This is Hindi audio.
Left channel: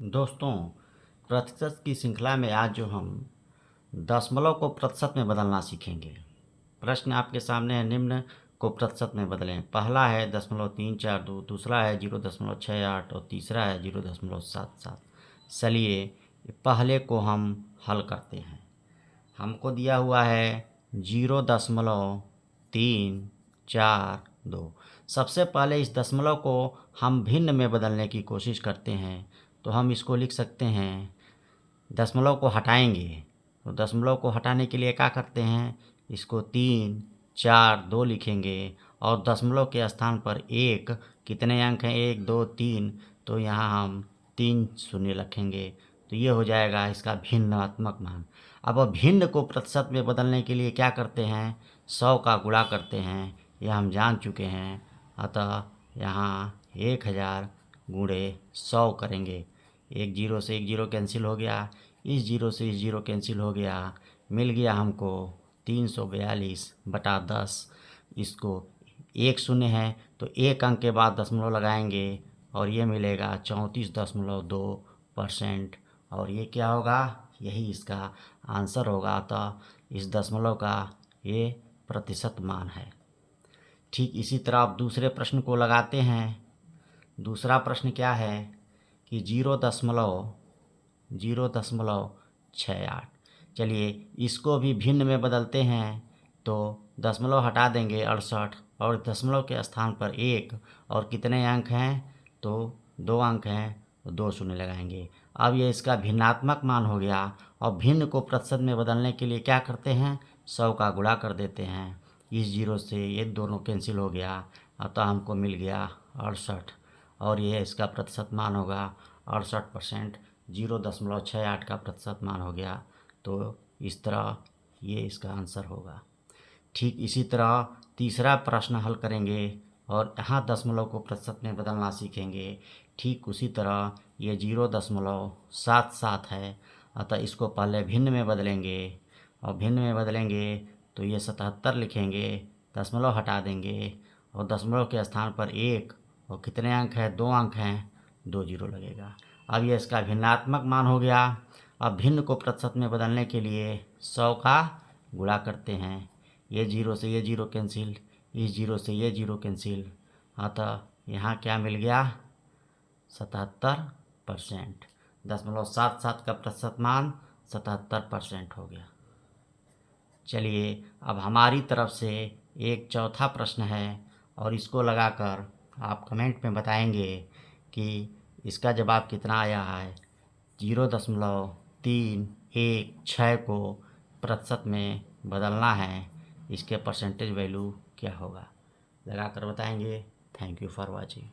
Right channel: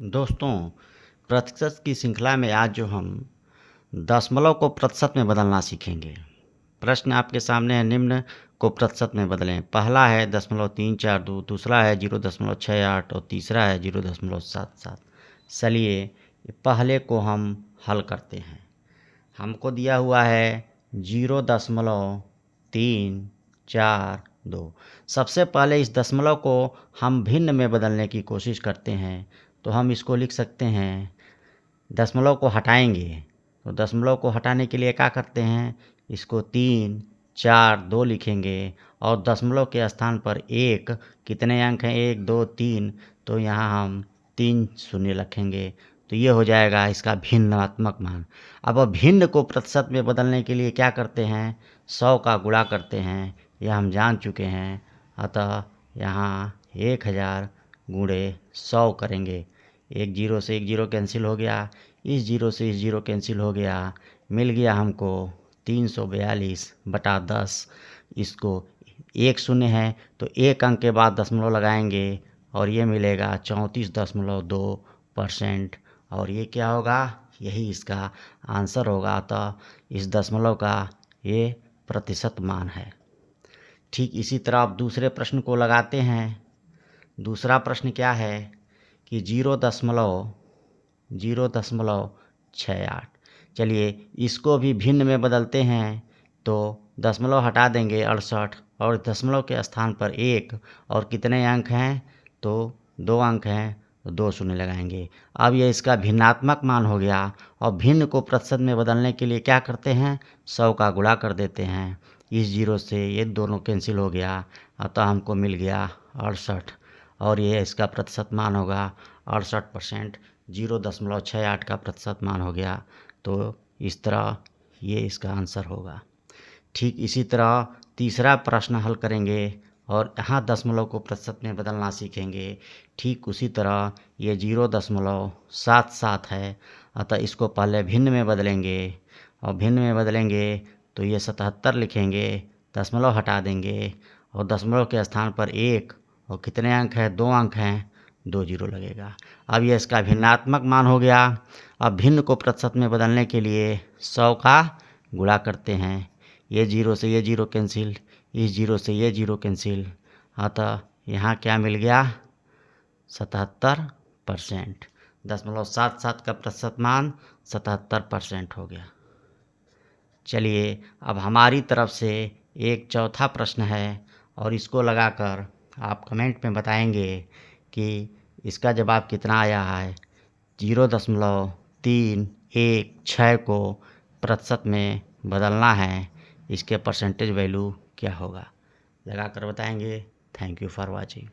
दोस्तों, प्रतिशत की श्रृंखला में आज जो हम दशमलव को प्रतिशत में बदलना सीखेंगे। प्रश्न आपके सामने है, निम्न को प्रतिशत में बदलें। पहला है 0.342, दूसरा है 0.68 और तीसरा है 0.77। चलिए पहले को हम हल करते हैं। हमको दिया हुआ है 0.342। सबसे पहले इस दशमलव को हम भिन्न में बदलने की कोशिश करते हैं, तो हम इसको लिख सकते हैं, दशमलव को हटाएंगे। तो दशमलव को हटाने के लिए क्या करते हैं, इसको 3, 4, 2 लिखेंगे और दशमलव के स्थान पर एक, कितने अंक हैं, 1, 2, 3, तो यहाँ हम 3 शून्य रखेंगे। तो ये हो जाएगा इसका भिन्नात्मक मान। अब भिन्न को प्रतिशत में बदलने के लिए क्या करते हैं, 100 का गुणा करते हैं, यह हम जान चुके हैं। अतः यहाँ 1000 गुणे 100 करेंगे। एक जीरो से एक जीरो कैंसिल हो गया, इस जीरो से इस जीरो कैंसिल हो गया, मिल गया हमको 342/10। इसको एक शून्य है तो एक अंक के बाद दशमलव लगाएंगे और ये मिलेगा 34.2%। और ये क्या होगा, यही इसका आंसर होगा। तो इस दशमलव का ये प्रतिशत मान है। ठीक इसी तरह आप दूसरे प्रश्न को लगाते हैं। दूसरा प्रश्न क्या है कि 0.68। चलिए इसको भी भिन्न में बदलते हैं। तो दशमलव हटा देंगे 68 और दशमलव के स्थान पर एक, और कितने अंक हैं, तो 2 अंक हैं, तो 2 शून्य लगाएंगे। अब ये इसका भिन्नात्मक मान हो गया। और भिन्न को प्रतिशत में बदलने के लिए क्या करते हैं, 100 का गुणा कर देते हैं। इस जीरो से ये दोनों कैंसिल हो गया, अतः हमको मिल गया 68। और ये इसका प्रतिशत मान होगा 68%। 0.68 का प्रतिशत मान हो गया। तो इस तरह ये इसका आंसर होगा। ठीक इसी तरह तीसरा प्रश्न हल करेंगे और यहाँ दशमलव को प्रतिशत में बदलना सीखेंगे। ठीक उसी तरह ये 0.77 है, अतः इसको पहले भिन्न में बदलेंगे। और भिन्न में बदलेंगे तो ये 77 लिखेंगे, दशमलव हटा देंगे और दशमलव के स्थान पर एक, और कितने अंक हैं, 2 अंक हैं, 2 जीरो लगेगा। अब ये इसका भिन्नात्मक मान हो गया। अब भिन्न को प्रतिशत में बदलने के लिए 100 का गुणा करते हैं। ये जीरो से ये जीरो कैंसिल, इस जीरो से ये जीरो कैंसिल, अतः यहाँ क्या मिल गया, 77%। 0.77 का प्रतिशत मान 77% हो गया। चलिए अब हमारी तरफ से एक चौथा प्रश्न है और इसको लगाकर आप कमेंट में बताएंगे कि इसका जवाब कितना आया है। 0.316 को प्रतिशत में बदलना है, इसके परसेंटेज वैल्यू क्या होगा, लगाकर बताएंगे। Thank you for watching.